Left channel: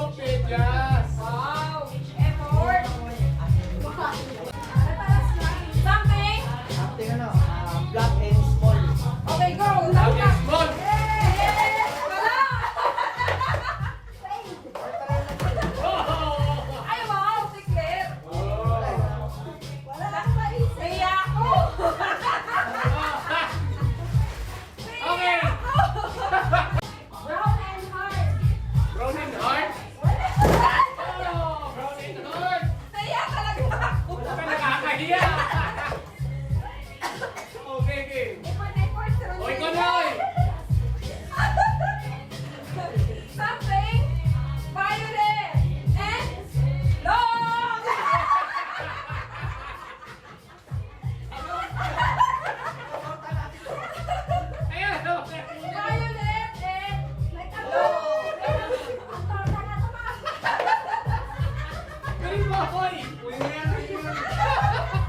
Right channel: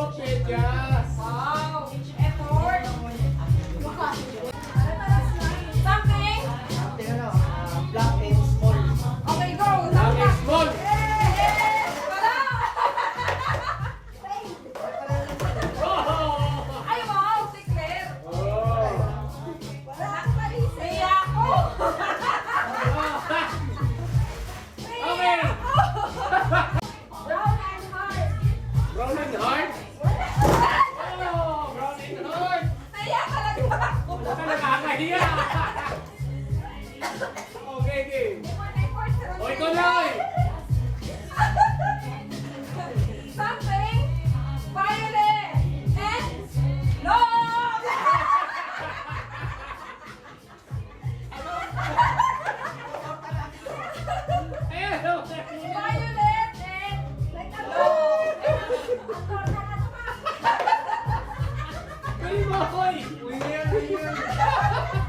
Oh, medyas. Wow, which effort. Something. Tingnan na, black and small. Okay, go. Okay, small. Oh. Ay, wow, declare. Oh. Wala akong malis. Naiya ako. Okay. Brown and hard. Brown and hard. Oh, brown and hard. Naiya talaga ako. Wala ka nakakahiya. Okay, game. O, ikaw na eh. Something. Violet. And no. Violet and no. Galing mo, hoy. Uy, yan, uy, yan.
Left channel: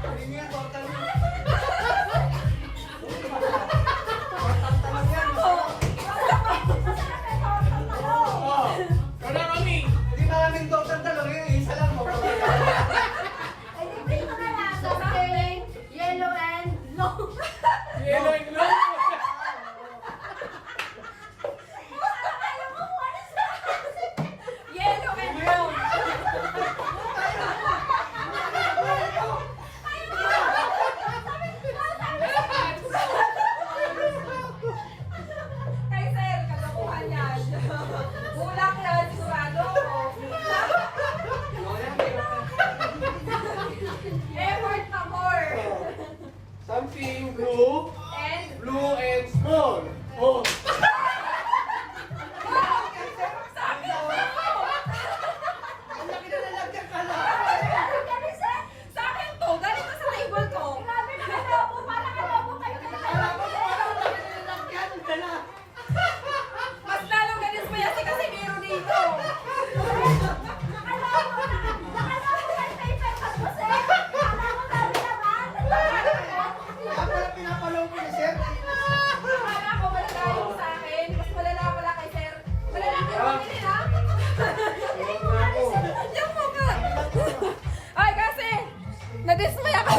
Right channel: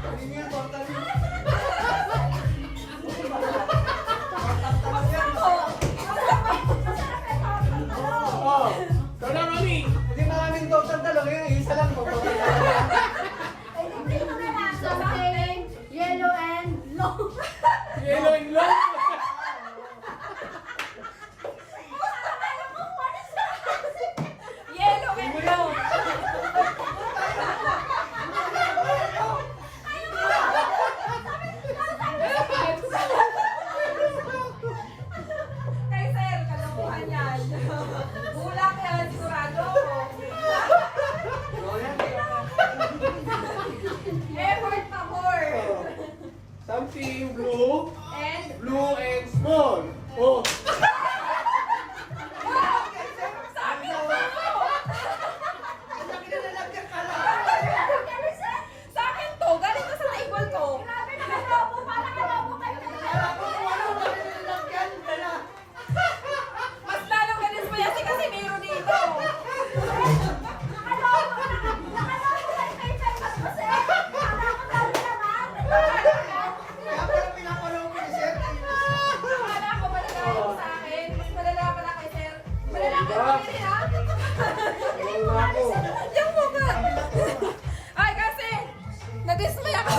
Uy, yan, total. Oh, ikaw na, Romy. Hindi maraming total talong yun. Isa lang mo. Something. Yellow and no. Yellow and long. Yellow and no. Kay sir, kalokohan yan. Bulang yan, sigurado ako. Effort pa more. Something blue. And Blue and small. Oh. sabi mo! Laki na lalagyan ka lang. Sa akin to, galing ka sa table ko. Grabe na kalabo, parang kalabo kayo. Mas lalo galis mo yan kasi meron dito. Kaya pala pinapalaw ko ni sir. Akala ko malalayo sa akin. Mas malala pala kay sir. Malala ka ba yun, ha? Yung mukha. Ay, kasi nadismay ako.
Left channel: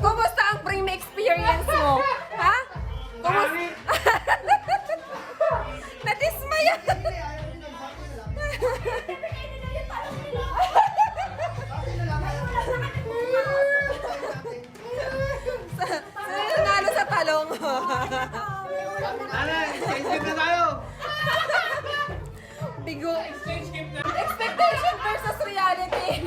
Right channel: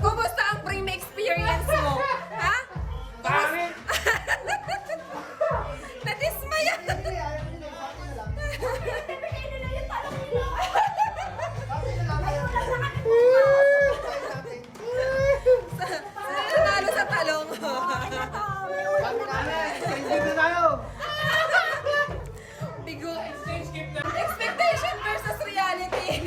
Kumusta ang pre experience mo? Ha? Pangit. Nadismay ako. Nanalo sa talong. Ano, exchange na tayo. Bigo. Expectation versus reality.